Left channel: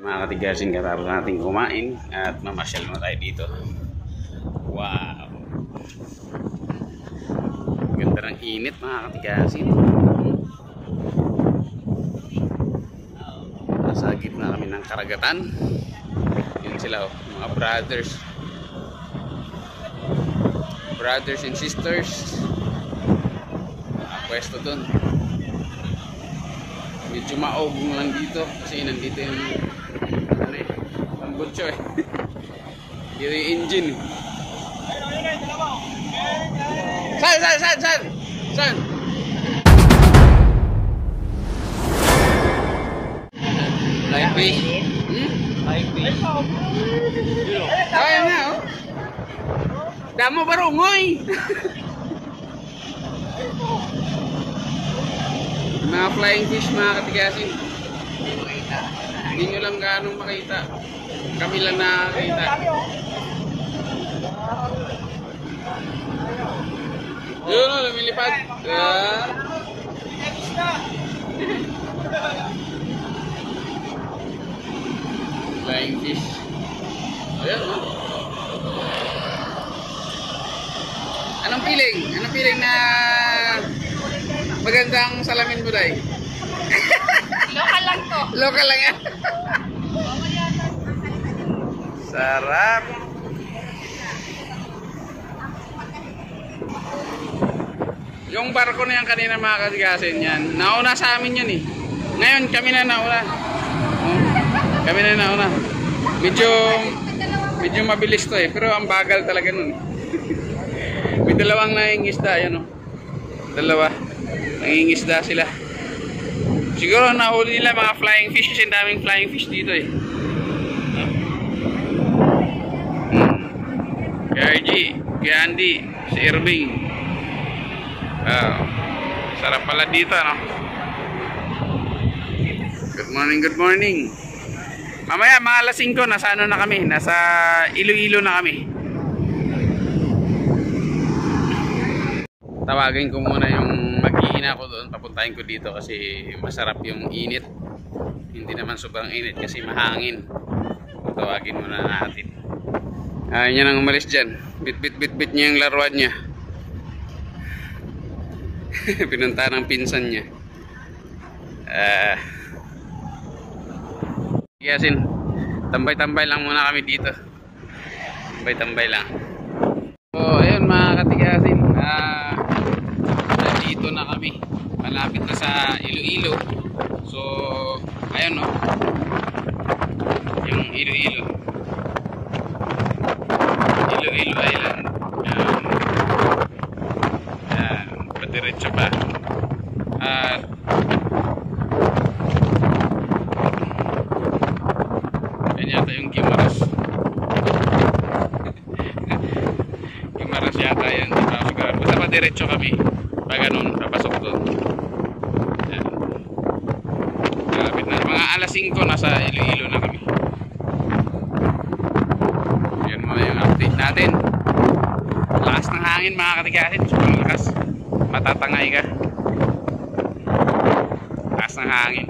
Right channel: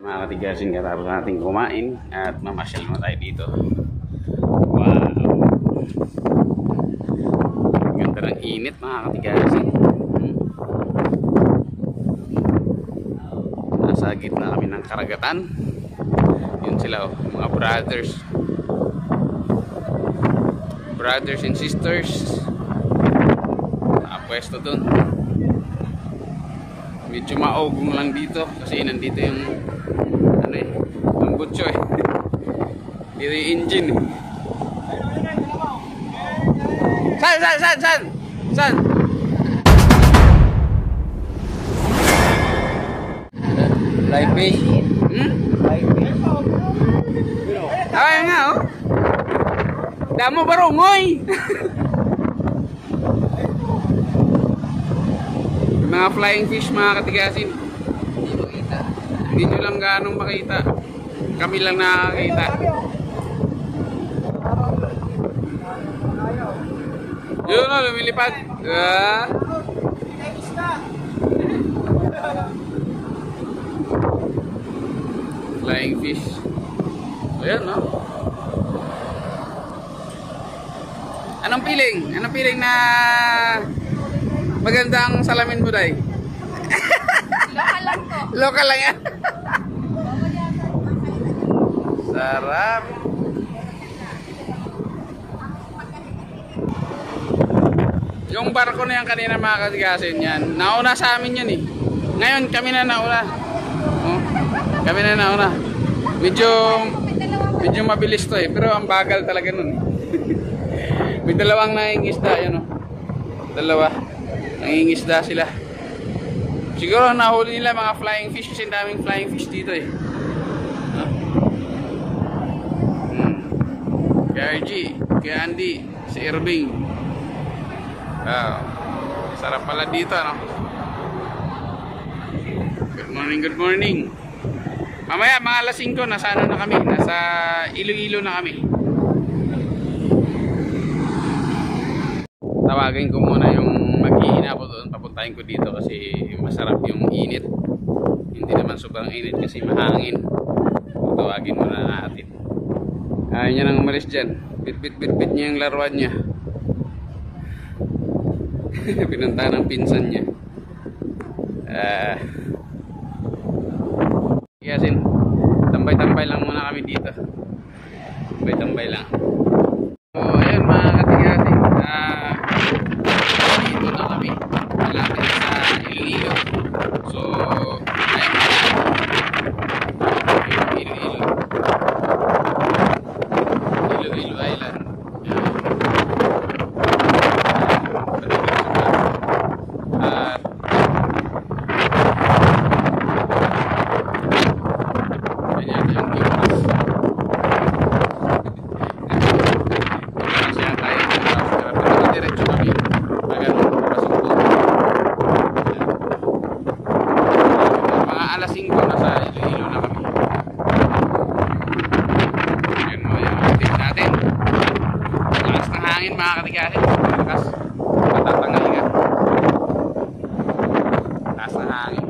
Mga katigasin, katapos natin kumain at mamasyal na tayo dito. Wow, ganda ng init mga katigasin. Nasa gitna kami ng karagatan. Yun sila oh, mga brothers and sisters. Pwesto dun. Medyo maogong lang dito kasi nandito yung ano eh, ang butso eh. Dito yung engine eh. Saan? Live fish? Live fish? Ayun nga oh. Damo barungoy. Mga flying fish mga katigasin. Hindi nyo lang ganong makita. Kami lang nakakita. Yun o, lumilipad. Flying fish. Ayan o. Anong feeling? Anong feeling na magandang salamin mo day? Lokal lang to. Lokal lang yan. Sarap. Yung barko na yan kanina mga katigasin yan, nauna sa amin yun eh. Ngayon kami na nauna. Oh, kami na nauna. Medyo mabilis to eh, pero ang bagal talaga nun. May dalawang nangingisda yan oh. Dalawa. Nangingisda sila. Siguro nahuli nila mga flying fish kasi daming flying fish dito eh. Kaya RG, kaya Andy, si Irving. Sarap pala dito no. Good morning. Mamaya mga alas 5 nasa ano na kami, nasa Iloilo na kami. Tawagin ko muna yung mag-iina ko doon, papuntahin ko dito kasi masarap yung init. Hindi naman sobrang init kasi mahangin. Tawagin muna natin. Ayun niya nang umalis dyan. Bit niya yung laruan niya. Pinunta ng pinsan niya. Yasin, tambay-tambay lang muna kami dito. Tambay-tambay lang. So ayun mga katigasin, dito na kami, malapit sa Iloilo. So ayun yung Iloilo Island. Padiretso pa at yan yata yung Gimaras. Yata yan, basta madiretso kami pag ganun, papasok doon. Mga alas 5 nasa Iloilo na kami. Yan mo yung update natin. Lakas ng hangin mga katigasin, malakas, matatangay ka. Lakas ng hangin.